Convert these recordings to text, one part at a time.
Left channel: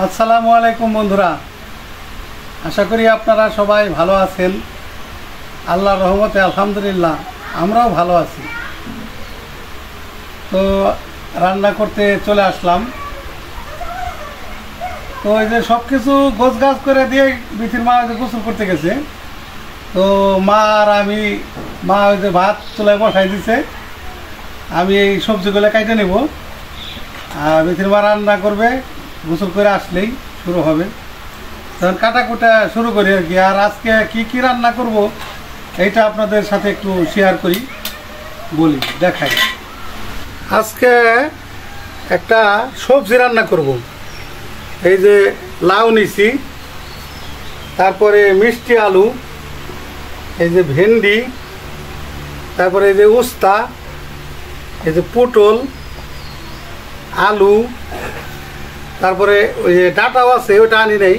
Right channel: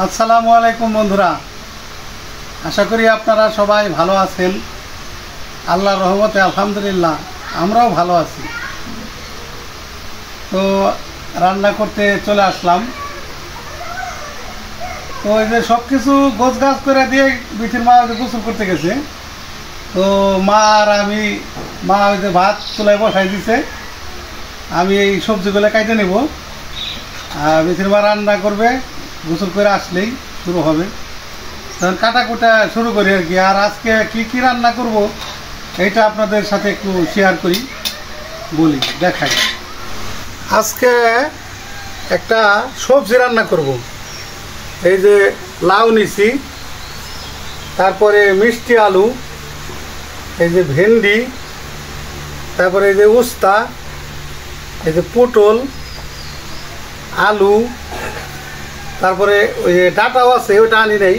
আসসালামু আলাইকুম বন্ধুরা, আশা করি আপনারা সবাই ভালো আছেন। আল্লাহর রহমতে আলহামদুলিল্লাহ আমরাও ভালো আছি। তো রান্না করতে চলে আসলাম। তো এই যে সব কিছু গোছগাছ করে দিয়ে বিথির মা গোসল করতে গেছে। তো মা আর আমি, মা ওই যে ভাত চুলায় বসাই দিছে, আমি এই সবজিগুলো কাটে নেব আর বিথির মা রান্না করবে। গোসল করে আসলেই শুরু হবে, তখন কাটাকুটা শুরু করি আর কি। আর আজকে কি রান্না করব এইটা আপনাদের সাথে একটু শেয়ার করি, বলি, দেখাই। আজকে একটা সবজি রান্না করব। এই যে লাউ নিছি, তারপরে মিষ্টি আলু, এই যে ভেন্ডি, তারপরে এই যে উস্তা, এই যে পটল, আলু, তারপরে ওই যে ডাটাও আছে, ওটা আনি নেই,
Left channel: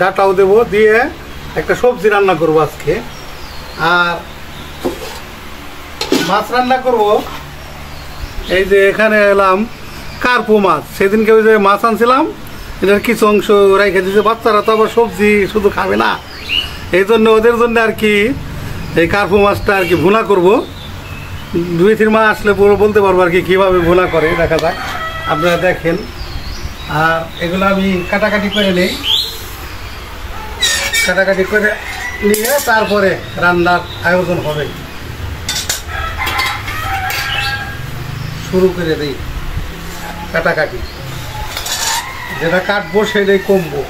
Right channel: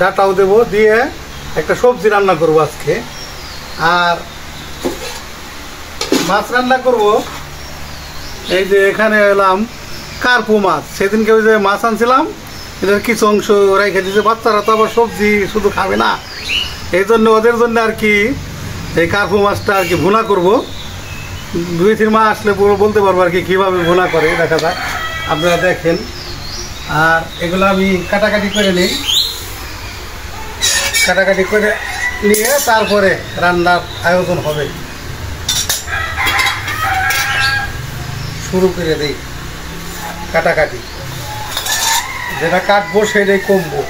ডাটাও দেবো, দিয়ে একটা সবজি রান্না করব আজকে। আর মাছ রান্না করব। এই যে এখানে এলাম কার্পু মাছ, সেদিনকে ওই যে মাছ আনছিলাম, এদের কিছু অংশ রেখে দিয়েছে। বাচ্চারা তো আবার সবজি শুধু খাবে না, এই জন্য ওদের জন্য আর কি এই কার্পু মাছটা আর কি ভুনা করব। 2-3 মাস আসলে বলতে পারবো আর কি কীভাবে ভুনা করে, দেখা যাক, আপনারা দেখেন। আর এগুলো আমি কাটাকাটি করে নিই, কাটাকাটি করে নিয়ে তারপরে রান্নার আয়োজন হবে। শুরু করে দিই কাটাকাটি, যেটা কাটবো সেটাই কমবো।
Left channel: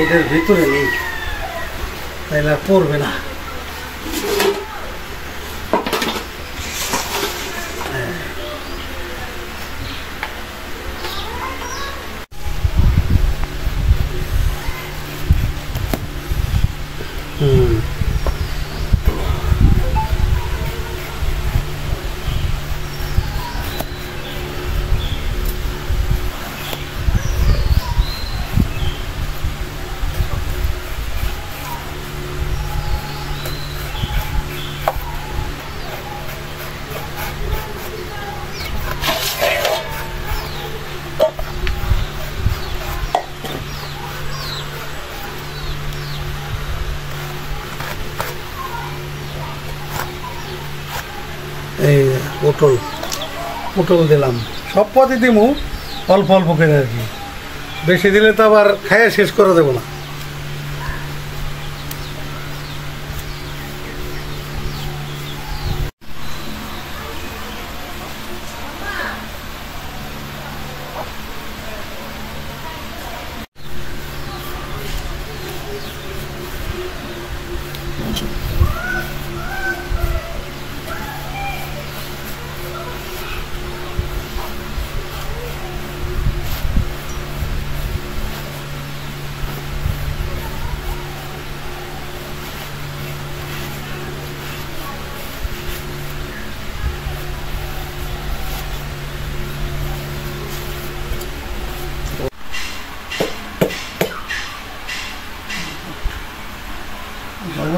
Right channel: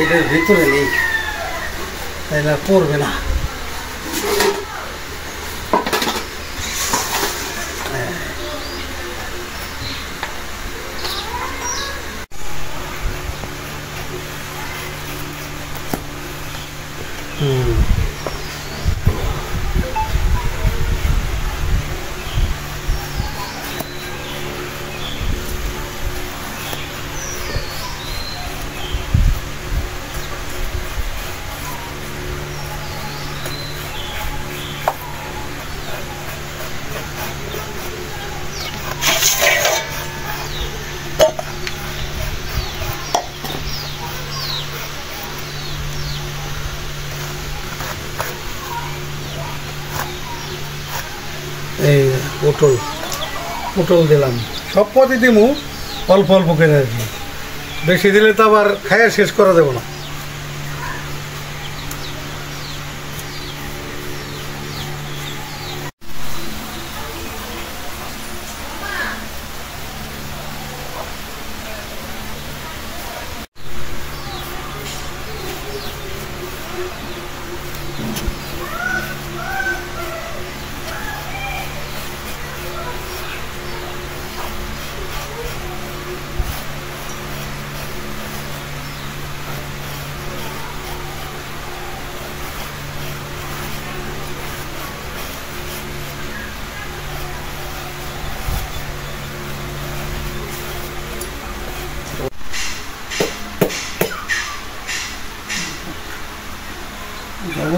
এটার ভিতরে নেই, তাইলে পড়বে না। এই পটল দিলাম, সব পদে দিমু, অল্প অল্প করে আর কি, বেশি দিলে তো আবার খাইয়া শেষ করে দেবো না।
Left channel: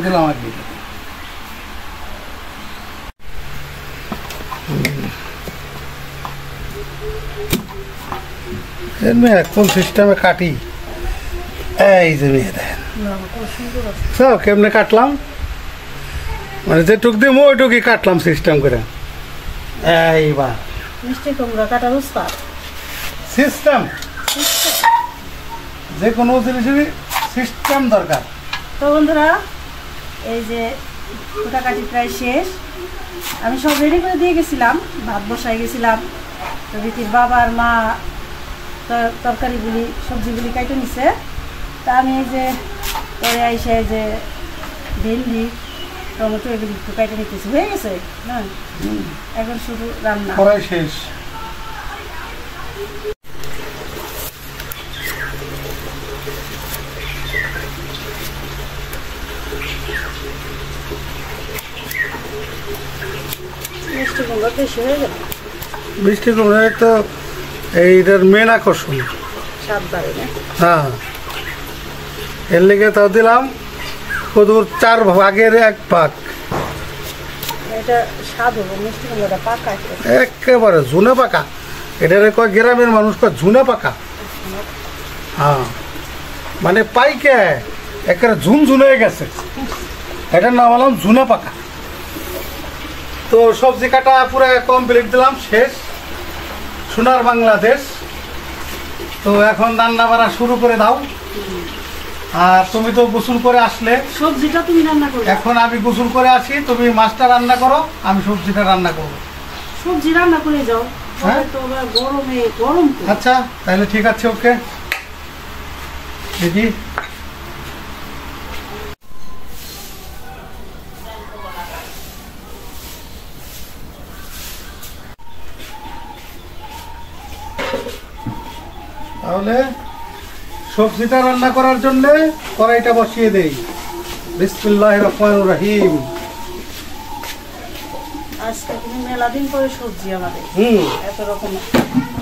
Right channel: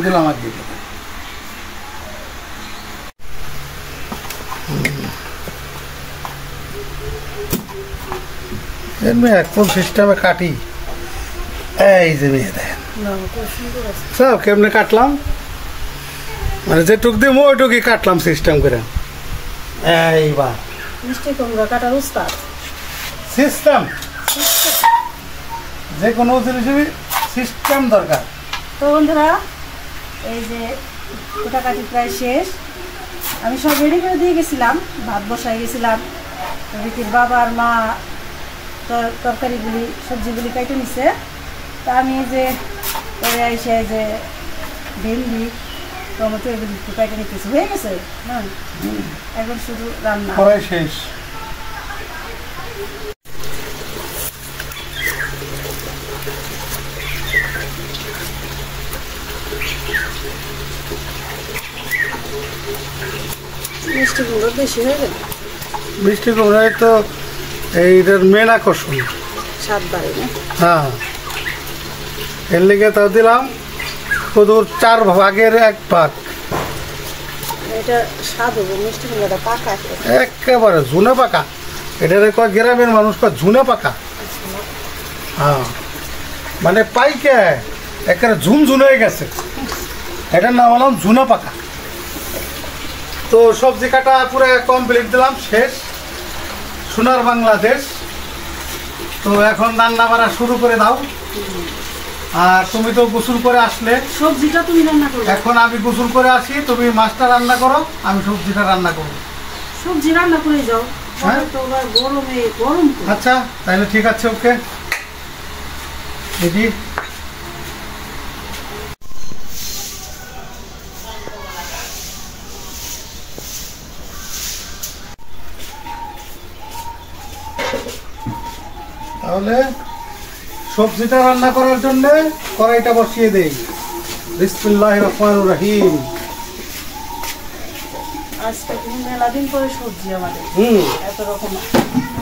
দিলাম আর কি, একদম সিস্টেমে কাটি। এই যে মেয়ে দেখেন সব কেমনে কাটলাম, মানে যেটুক দিব ওইটুকুই কাটলাম সিস্টেম করে। এইবার সিস্টেম, যে কোনো জিনিসেরই সিস্টেম দরকার। তো বন্ধুরা, এই যে কাটাকাটি প্রায় শেষ, আমি সব রেডি করে দিয়ে গেছিলাম, ভাত বসাই গেছিলাম। তো বিতির বাবা আর মা তরকারিগুলি সবজিগুলি কেটে নিছে। তা আমি এই যে পরে এসে এই যে ভেন্ডি, টমেটো এগুলি একটু কেটে নিতেছি, হয়ে গেছে না, এখন শুধু রান্না শেষ। মিষ্টি কুমড়ো বেশি হয়ে গেল, মিষ্টি কুমড়া তো এইটার মেন আকর্ষণ। স্বাদ বাড়ে না? হ্যাঁ, এর লেগে তাও দিলাম কদুর 4 ভাগের 1 ভাগ। এটা স্বাদ হবে মিষ্টি কুমড়াটা পাকা একেবারে ঝুনে পাকা। এটারে কয় গ্রামের মানুষ কয় ঝুনে পাকা। হ্যাঁ মানে পাইকে একেবারে ঝুনঝুনে হয়ে গেছে, এটার নাম হলাম ঝুনা পাকা। তো সবজি কাটা পুরো কমপ্লিট দিলাম, শেষ। সোনার বাংলাদেশ। তো এখন রান্না বাড়া শুরু করে দাও। আর তুমি তো গোসল করে আসলে, সবজিটা তুমি রান্না করবে। এখন আমি গোসল করে আসি, তুমি মাছটা রান্না করো, আমি সবজিটা রান্না করবো। সবজি রান্না করে যাও, হ্যাঁ? তো গরমে গরম তো। আচ্ছা তাহলে ঠিক আছে, ওকে। দেখি তাহলে সবজিটা রান্না করার জন্য কড়াইটা বসিয়ে দেই। বিসমিল্লাহির রহমানির রহিম। আজকে তুমি মেলা দিন পরে সবজি আমাদের এত রকম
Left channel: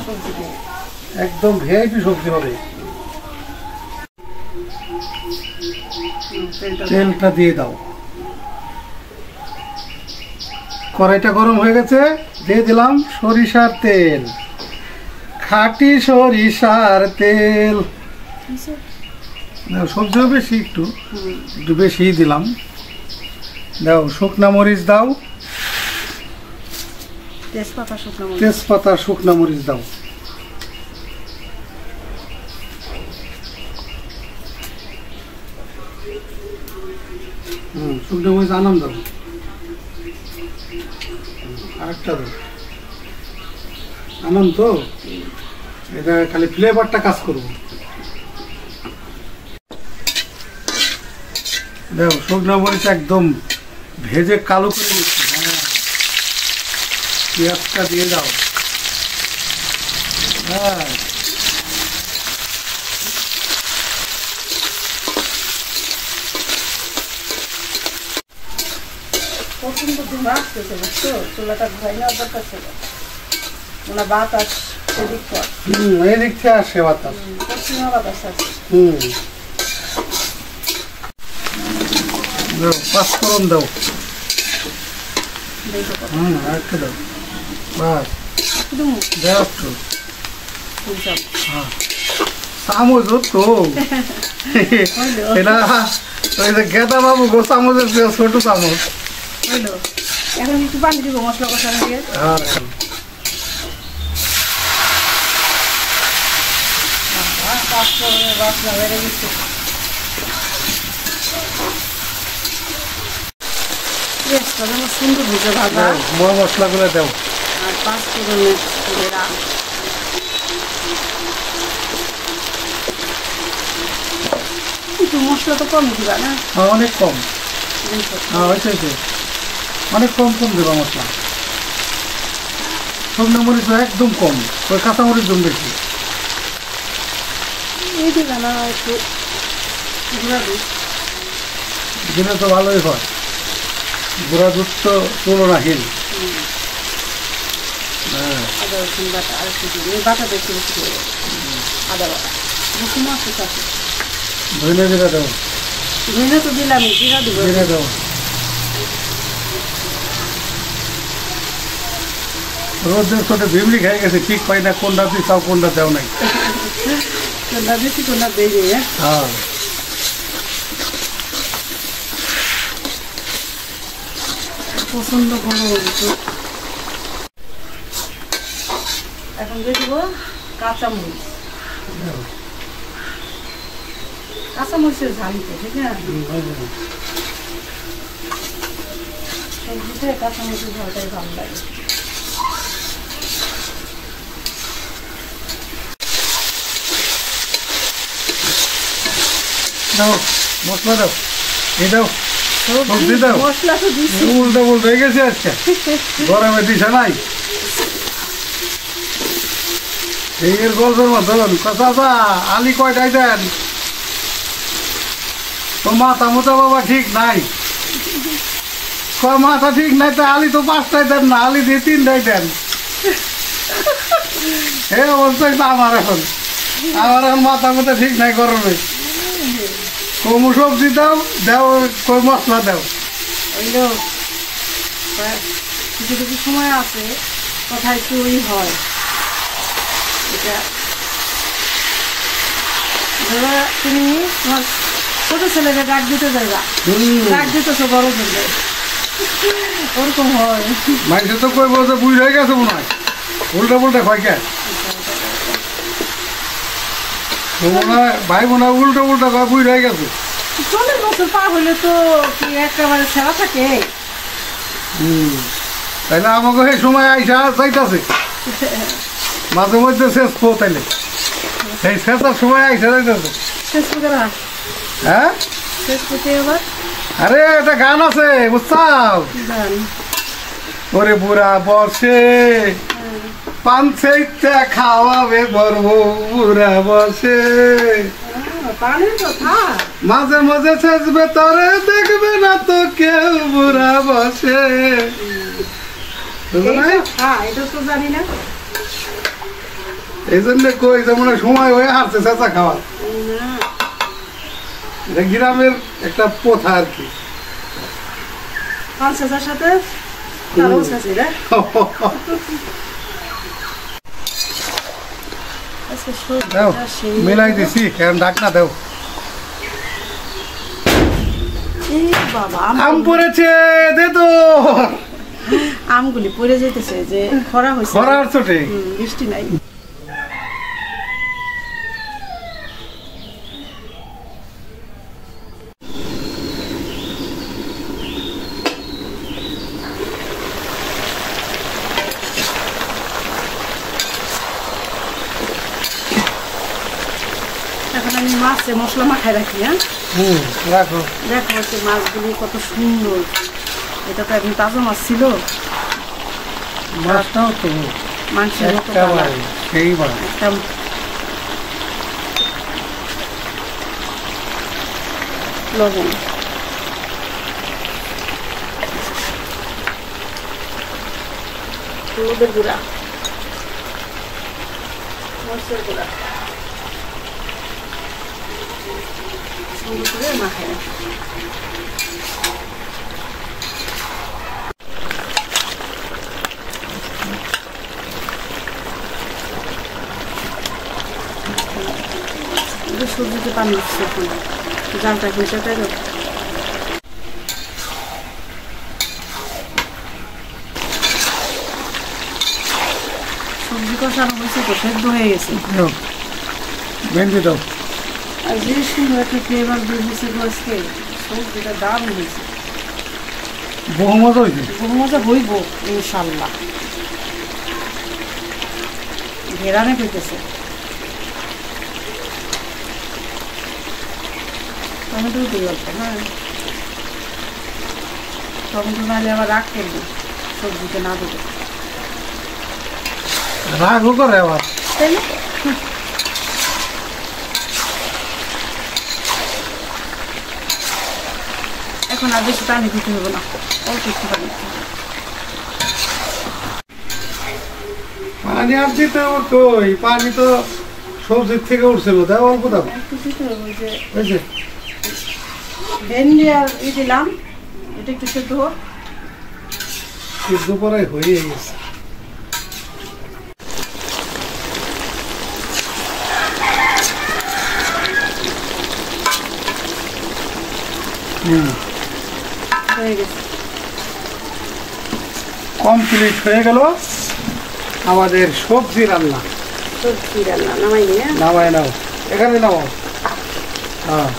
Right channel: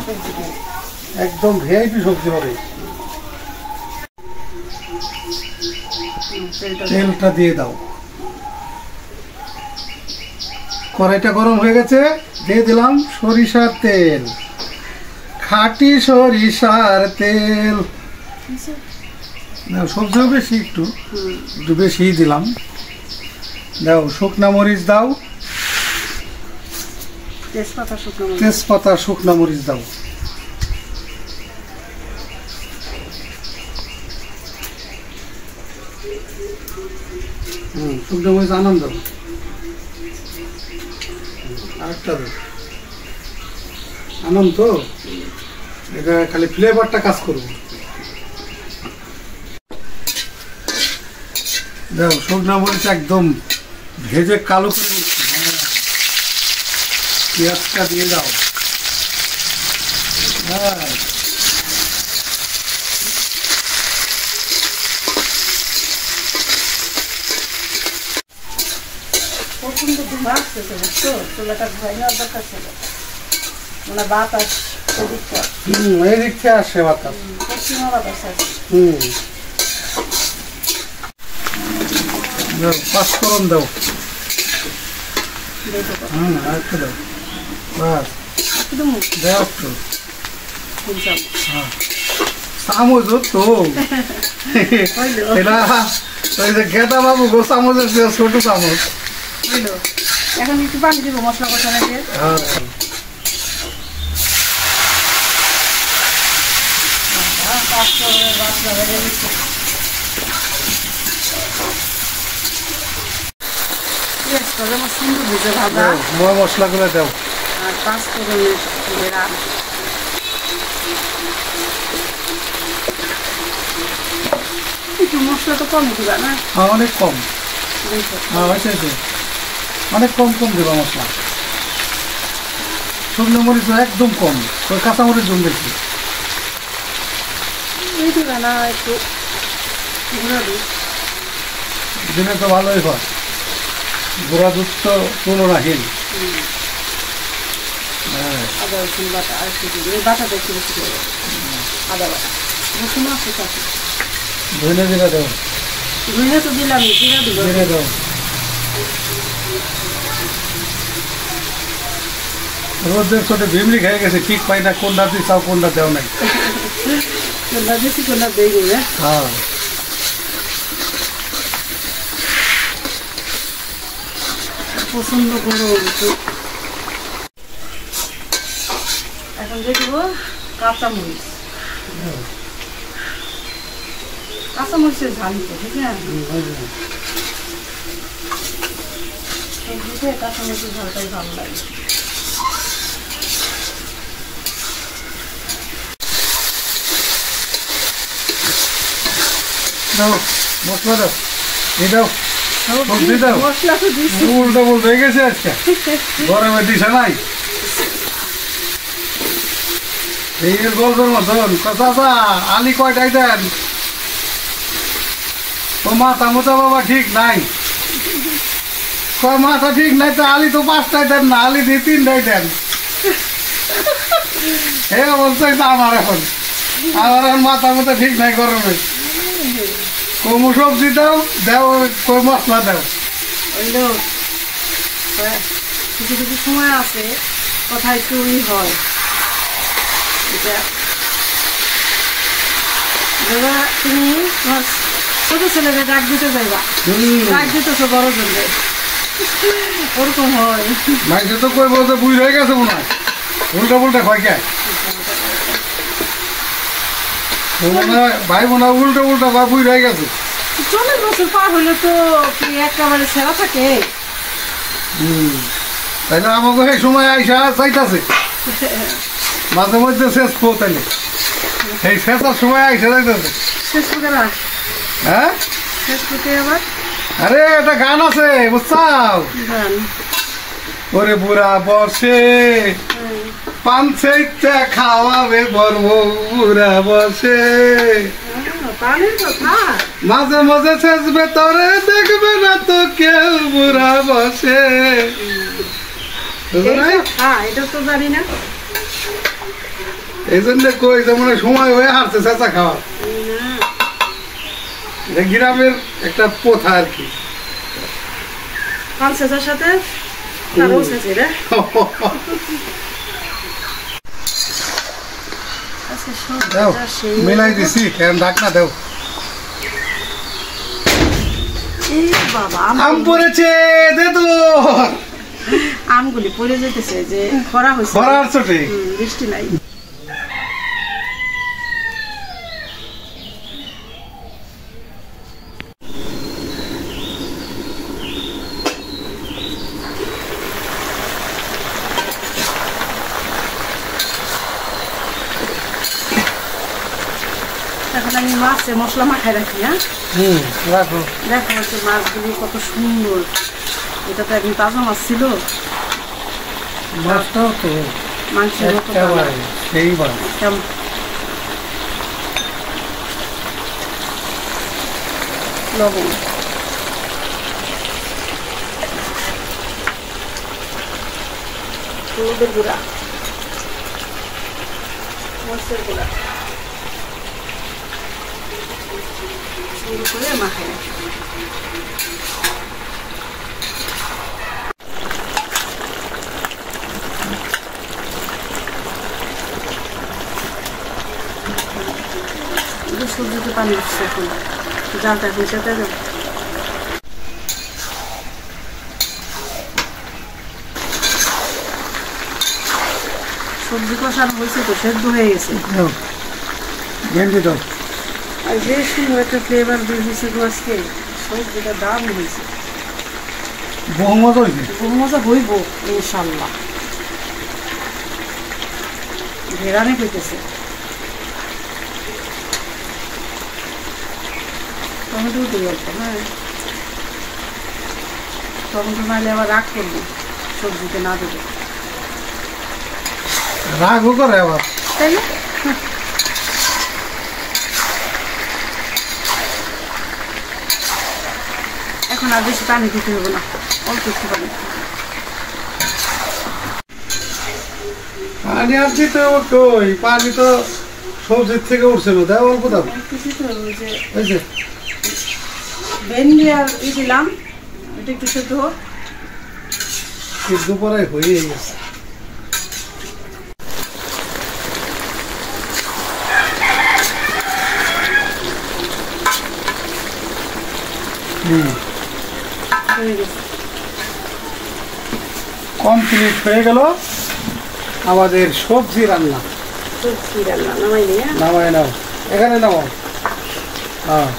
সবজি নেই। একদম ভিআইপি সবজি হবে। তেলটা দিয়ে দাও। কড়াইটা গরম হয়ে গেছে, দিয়ে দিলাম সরিষার তেল, খাঁটি সরিষার তেল। সবজিও বেশি, একটু বেশি দিলাম। দাও শুকনা মরিচ দাও, তেজপাতা শুকনা মরিচ দাও। শুকনা মরিচ আনন্দ দাও, আরেকটা দাও। আনন্দ তো এটা খালি ফ্লেভারটা কাজ করবো। দেখো শুকনা মরিচ একদম ভেজে কালো করে নিচ্ছি। পেঁয়াজটা দিয়ে দাও। হ্যাঁ প্রচন্ড ধোঁয়া আসতেছে, বুঝছো? চুলাটা ধোয়াই নেওয়ার দরকার ছিল, মানে বাতাস এদিকটা। এদিক থেকে আসে বাতাস, পশ্চিমা বাতাস আছে। পাঁচফোড়ন দাও। আরেকটা দাও, বাস দাও একটু। চামচ তো এটা ওই যে গেদা বাবু গো চামচের ছোট চামচ। এখন একটু পানি দিব মশলা কষানো দিয়ে। মশলা গুলো দাও। মশলাটা কম দিবা না? অনেক কম, অনেক কম কম দেবা মশলা। শুকনো মরিচ একদম কম, ওই কাঁচা মরিচ জম বেশি। এই দিবা না একটু দিলে তো ভালোই হয়। গুঁড়া দুধ তো তুলনাহীন। আদা রসুন বাটা আর একটু দিবি, বাটাটা একটু বেশি করে আদা বাটা। রসুন আছে সাথে, ধনে জিরা দাও। ধনে তো দিলাম, জিরা দিব, জিরা দাও। রোদের কোটে ভিমলি খাই গেছে, ঠিক পাই না কোনটা দিছাও কোনটা দেও নাই। কোনটা বেশি কোনটা বেশি। হ্যাঁ প্রচন্ড গরম। এখন দিয়ে দিব কাঁচামরিচ। কাঁচামরিচের ঝালিতে, ঠিক না? সবজিতে কাঁচামরিচের ঝালটাই ভালো লাগে। দাও মশলা দাও, এই দাও সবজি দাও। মশলা তো দিচ্ছি, উল্টা বলতে হয়ে গেছে আজকে, গরমে দিশা নাই। এই গল্পের মতন চাচা আলি কয়টাই দেন? তো মাথা মোটা বাবা ঠিক নাই, মাথা ঠিক নাই তো আলি তো 5টাই দেন না, আলি দিয়ে 3টাই দেন। এই অবস্থা আমার এখন মাথা মোটা ঠিক নাই গরমে। কোমো সবজি দাও দাও কই মশলা দাও ওইলো কিছু কিছু সময় আছে কথা একটু হয় এটা দাদা তুমি ছোট ছেলেকে ডাক দিতে যাইবা ডাক দিতেছো বড় জন্য ওরকম হয় মাইসে তো কই বলতে বুঝ হয়ে গেছে মনে হয় উল্টা পুল্টা হয় কে ভাই বোনা উল্টা উল্টা কয় বুঝ হয়ে গেছে 40 বছর পার হলে তো কি একেবারে সেরা থাকে তাইলে আমাকে এই সময় আইসা চাইতাছে মাঝে মধ্যে শেষ পো তাইলে সেই শেষার সময় আইসা যাইতেছে ফেসবুকে রাখ হ্যাঁ ফেসবুকে আবার আরে একটা গান আছে বুঝছাও ওরে বুড়া বসে পানছে খাওয়াবে বর্ম বুড়া বসে মাঝে মাঝে শেষ ভেতরে দেখবে না তো কেউ বুড়া বসে এই জন্য কই যেমন সময় হয়ে হারছে চেঁচা খাওয়া গ্রামের একটা প্রথা আর কি সাথে দাও মিলাই দিছি ঢাক না দাও আম পড়েছে দে তো আমগুলি পড়ে যেতেছে যে খরা হয়েছে খরার চোটে বৃষ্টি নাই এখন আমি মাছে মশলা মাখাই রাখি হ্যাঁ রাখো দেখো হচ্ছে মাছগুলি কত সুন্দর এটা তো একদিন তাজা মাছ ছিল মাছটাও তো মাংসের সেই বার লবণ হলুদের গুঁড়া মরিচের গুঁড়া করে মাখাই রাখি সবজিতে পানি দিচ্ছে এখন জালটা এখন সেটা সবজি কষানো হয়েছে তো সেদ্ধ হয়ে গেছে ভেন্ডি দাও আর যে সুন্দর একটা ফ্লেভার বের হয়েছে আজকে সবজিটা দারুণ হয়েছে বহু মজা হয়েছে বহু মজা হইব ইনশাল্লাহ ঘেরানে পেতেছে টমেটো দিয়ে আসবে না টমেটো মারলে আবার রাগ করবে সবজিতে না দেবে রাগও করে আবার তাই না এখন আর বেশি পানি দিতে হবে না অল্প একটু পানি পানি আর দিতে হবে কই পানি তো সবজির থেকে উঠছিল দাও অল্প দাও বুঝছে ভেন্ডি আর দিলাম এটা একটু সেদ্ধ হোক সিদ্ধ পরে হয়ে গেছে কমপ্লিট হয়ে গেল আমাদের সবজি রান্না নামাই নাও এখানে নাও হ্যাঁ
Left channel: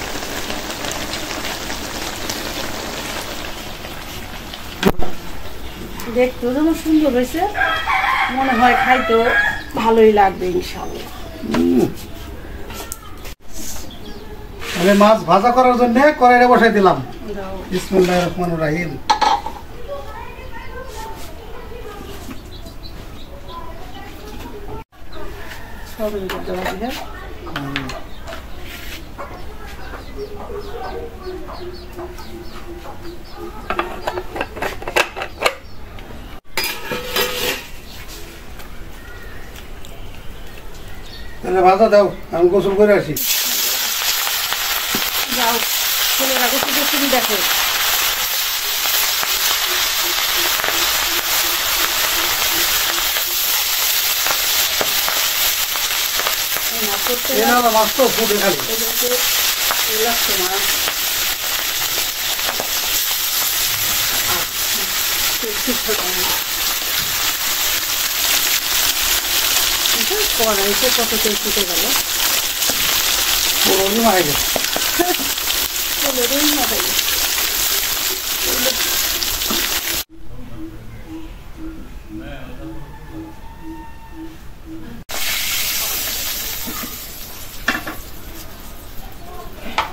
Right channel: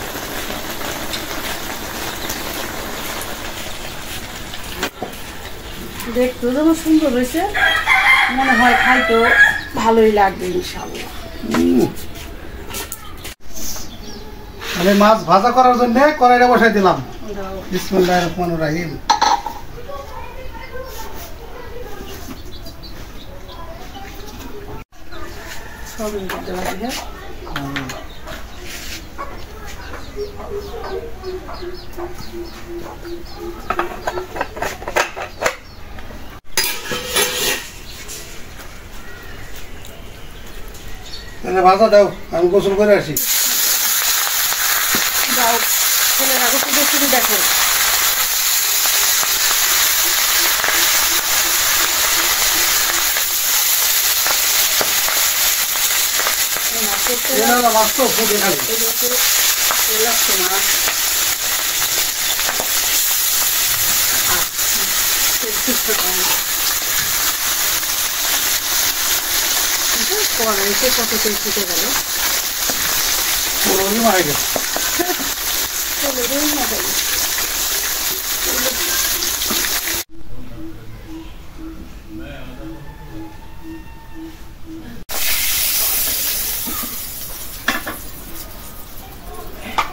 দেখতে যেন সুন্দর হয়েছে মনে হয় খাইতে ভালোই লাগবে ইনশাআল্লাহ তাহলে মাছ ভাজা করার জন্য কড়াইটা বসাই দিলাম বিসমিল্লাহির রহমানির রহিম সবই করতে হবে তাহলে ভাজা দাও আমি গোসল করে আসি দাও তুমি দেখো। মাছ তো ফুটে খালি কড়াইতে কত তেল ফুটে গেল, মারা গেছে।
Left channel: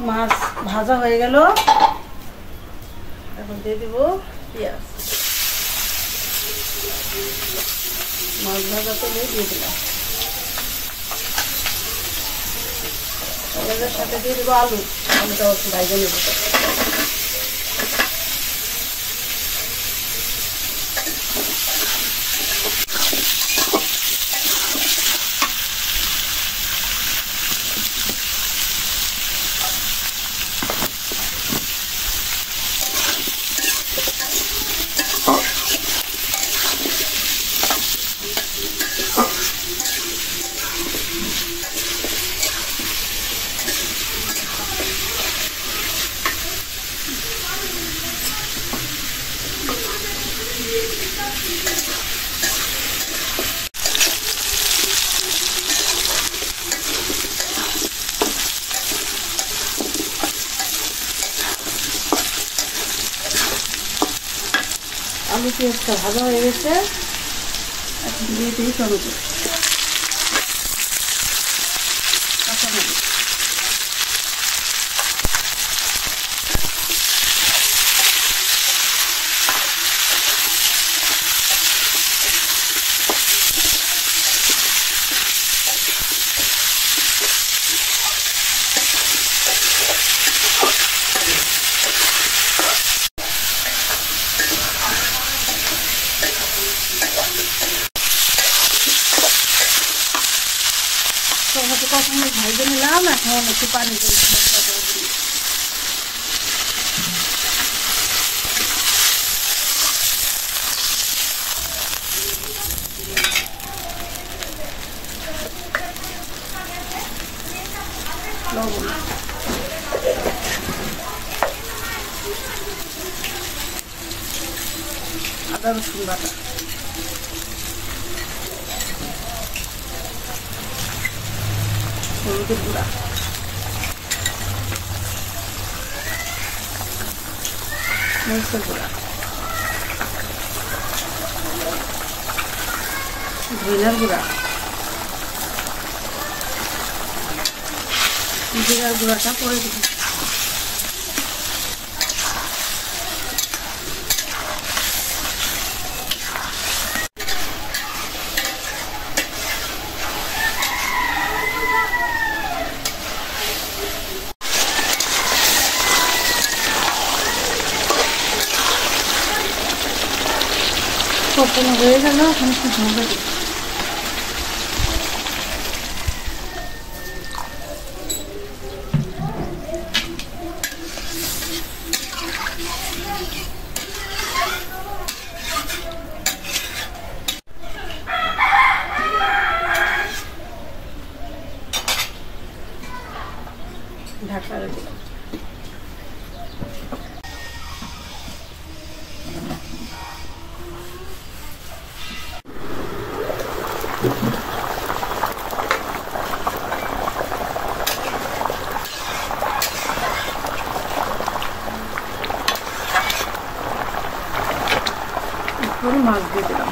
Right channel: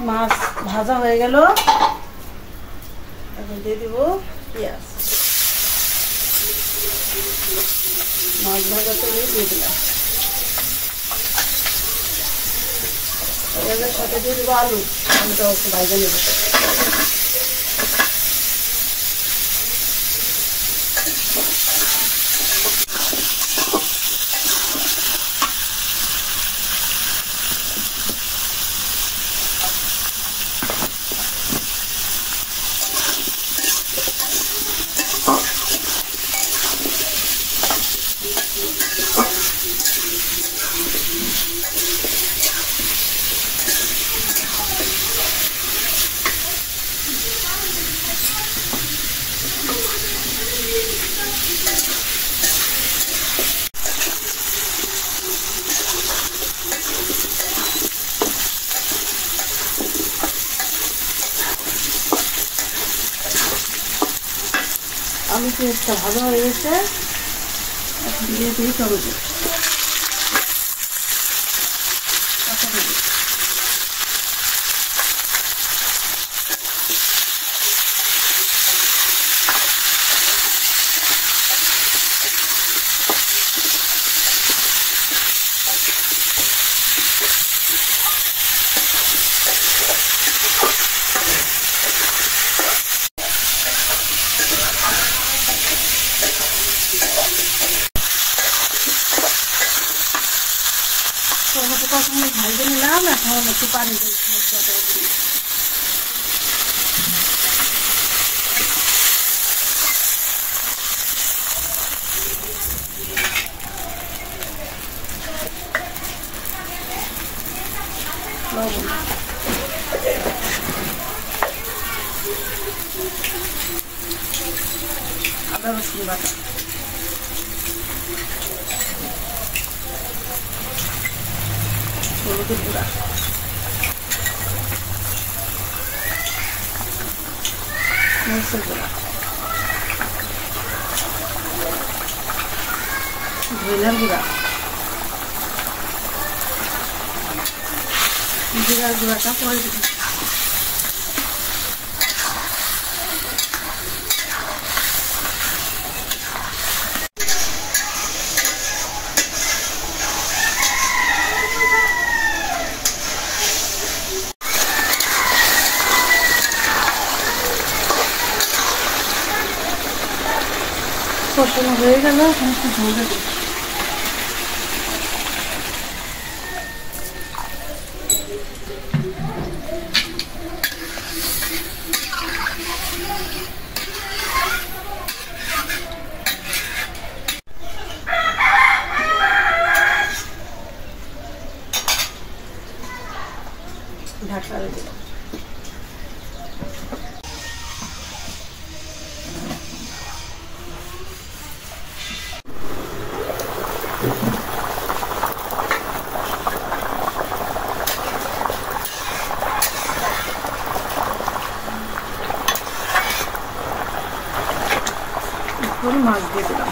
মাছ ভাজা হয়ে গেল, এখন দিয়ে দিব পেঁয়াজ। মাছ ভাজা তেলে দিয়ে দিলাম, পেঁয়াজের সাথে দিয়ে দেবো আলু। আলুটা একটু ভাজা নেব। আলু পেঁয়াজটা ভাজা হয়ে গেছে, এখন দিয়ে দিই টমেটো, কাঁচা মরিচ। টমেটো কখন ভাজে নিলাম, এখন একটু পানি দিয়ে লবণ, আদা রসুন বাটা, হলুদের গুঁড়া, মরিচের গুঁড়া, ধনিয়ার গুঁড়া, জিরার গুঁড়াটা পরে দিব। কষানো হয়ে গেল, এখন একটু ঝোল দিই। ঢাকা দিলাম। মাছ দিয়ে দিলাম।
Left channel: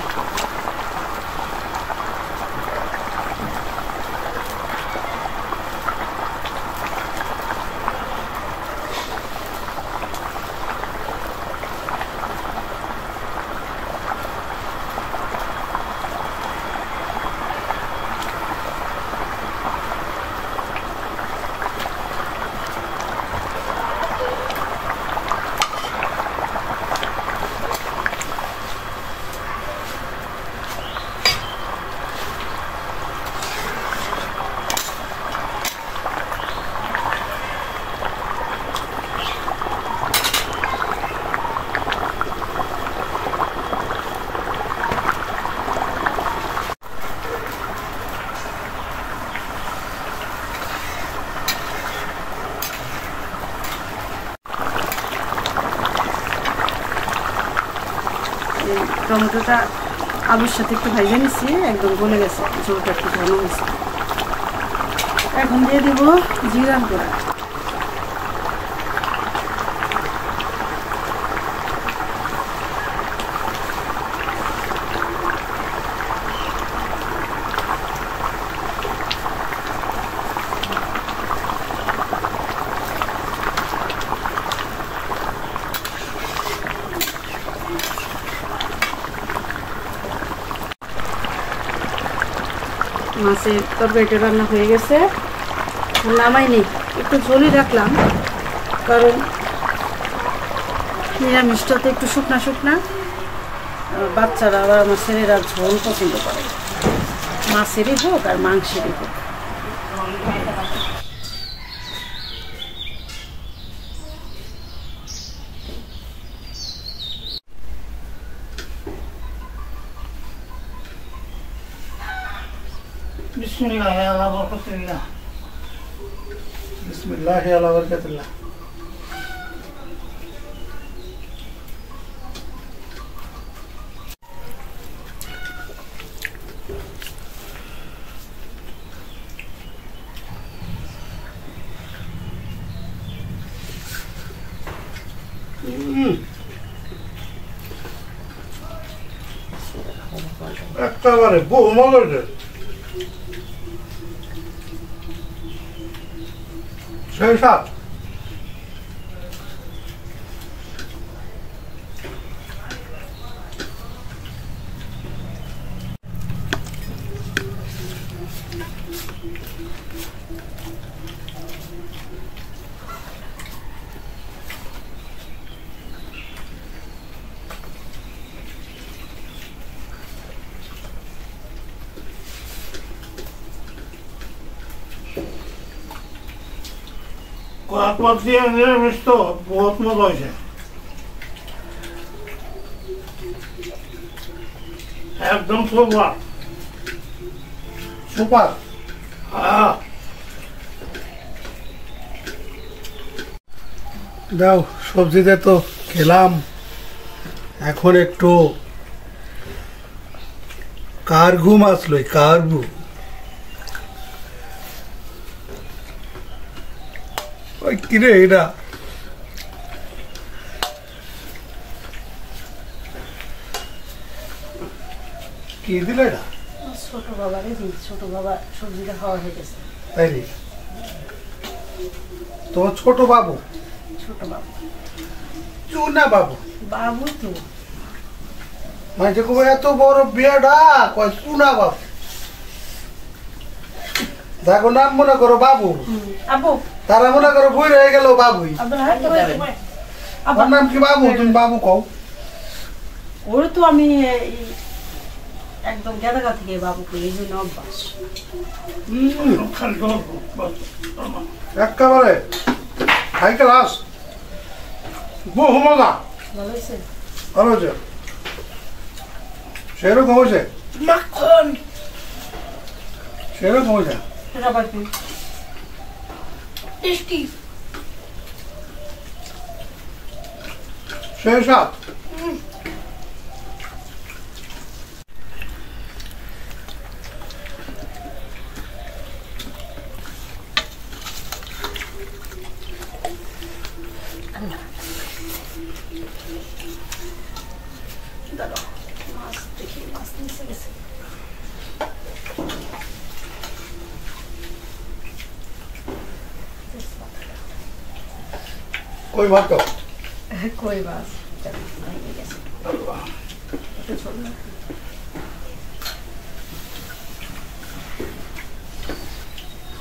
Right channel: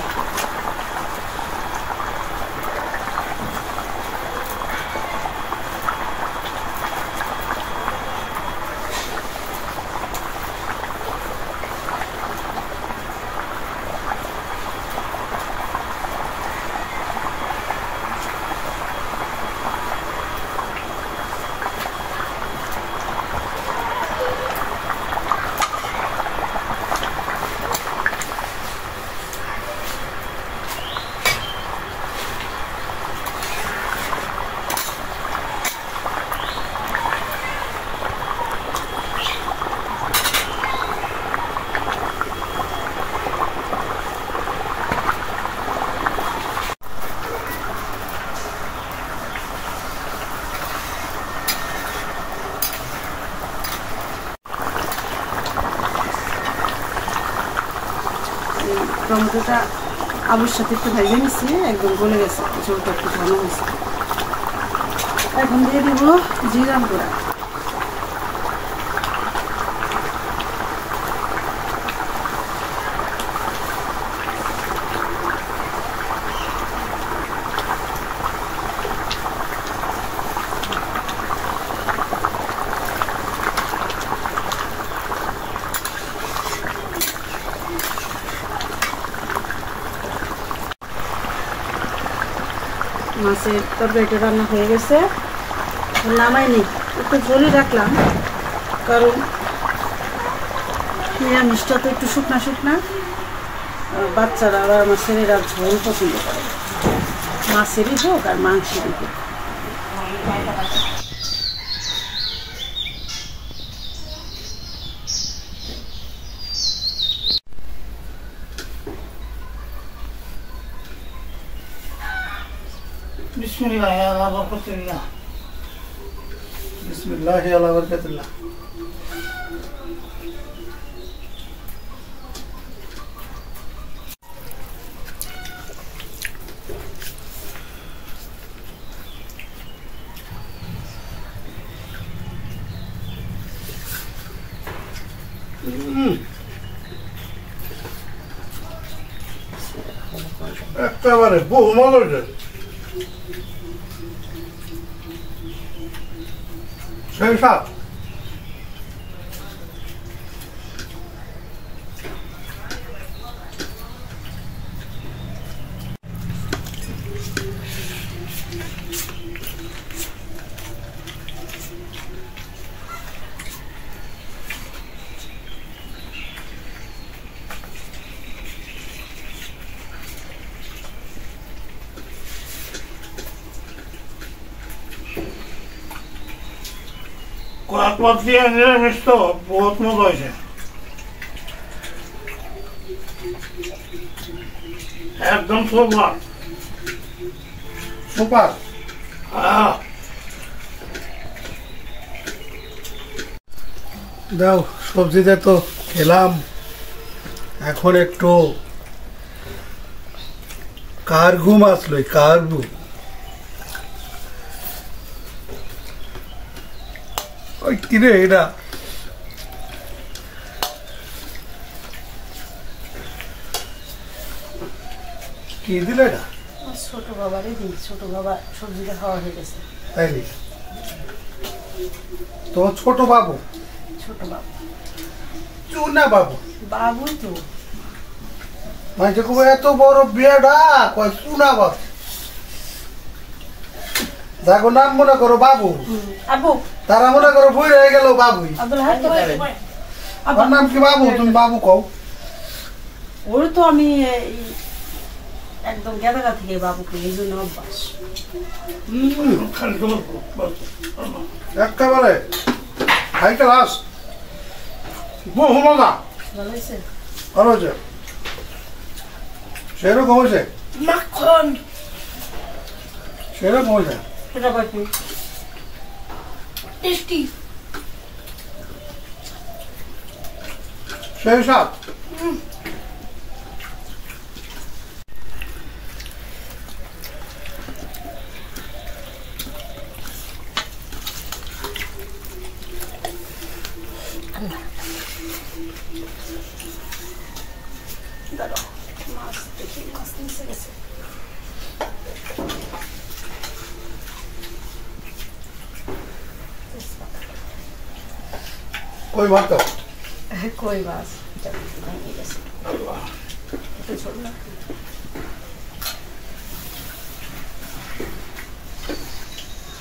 টমেটোটা আলুর সাথে একটু ভেজে নিচ্ছি, একদম গলে গেছে, ঝোলটা একটু ঘন হয়েছে। এখন দিয়ে দিব জিরার গুঁড়া। মাছের তরকারিটা রান্না হয়ে গেছে, নামাইনি, একটু ঝোলই রাখলাম, কারণ নিরামিষটা তো একটু শুকনা শুকনা, বাচ্চারা আর আমার ছেলেরা ঝোল পছন্দ করে, মাছেরই হোক আর মাংসেরই হোক। বিসমিল্লাহ আলা বরকাতিল্লাহ, বিসমিল্লাহ আলা বরকাতিল্লাহ। একেবারে বহু মজার, সেই স্বাদ। কয়েক দিয়ে নিরামিষ তো বহুত মজা হয়েছে, একদম সুপার সুপার। দাও সবজিতে তো খেলাম, এখন একটু কার্গু মাছ লই, কার্গু। ওই কিরে এটা কি দিলে? এটা ছোট বাবারে দিই, ছোট বাবা সবজিটা খাওয়া হয়ে গেছে। তাই তোমার ছোট বাবু? ছোট বাবু, চুনা বাবু, বাবু তো মাঝে কবে এত বড় বিয়েটা কয় চুনা বাবু। দেখো নাম মনে করো বাবু, আবু তারা মনে করো বই হয়ে গেল বাবুই। আমার নাম কি বাবু? তুমি বাবু কও। ওর তো আমি একদম গেদাগা থেকে বাবু কই, এই জন্য অভ্যাস। একেবারে হাই ক্লাস, বহু মজা। ভালো হয়েছে? ভালো হয়েছে, সেরকম হয়েছে, মাখন সেরকম হয়েছে, সেটা বাকি টেস্টি, সেই সব। মাছ দেখি, মাছ নিচে গেছে। কই ভাত তো কই মাছ ভেঙে গেছে, একটু ছোট না।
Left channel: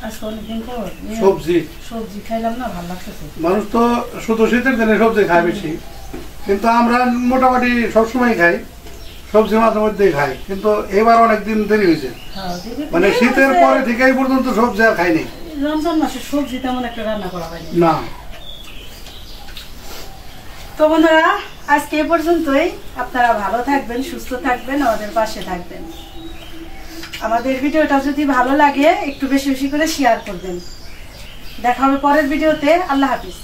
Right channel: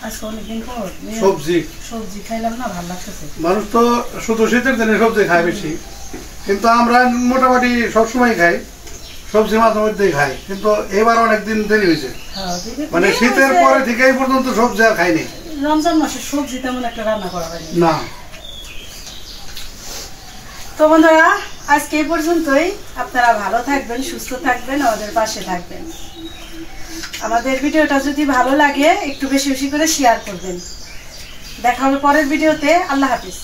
আজকে অনেকদিন পর সবজি সবজি খাইলাম না, ভালো লাগতেছে। মানুষ তো শুধু শীতের দিনে সবজি খায় বেশি, কিন্তু আমরা মোটামুটি সবসময় খাই সবজি, মাঝে মধ্যেই খাই, কিন্তু এবার অনেকদিন দেরি হয়েছে, মানে শীতের পরে থেকে এই পর্যন্ত সবজি আর খাইনি। রমজান মাসে সবজি তেমন একটা রান্না করা হয়নি না। তো বন্ধুরা, আজকে এই পর্যন্তই। আপনারা ভালো থাকবেন, সুস্থ থাকবেন, আমাদের পাশে থাকবেন। আমাদের ভিডিওটা যদি ভালো লাগে একটু বেশি বেশি করে শেয়ার করবেন। দেখা হবে পরের ভিডিওতে। আল্লাহ হাফিজ।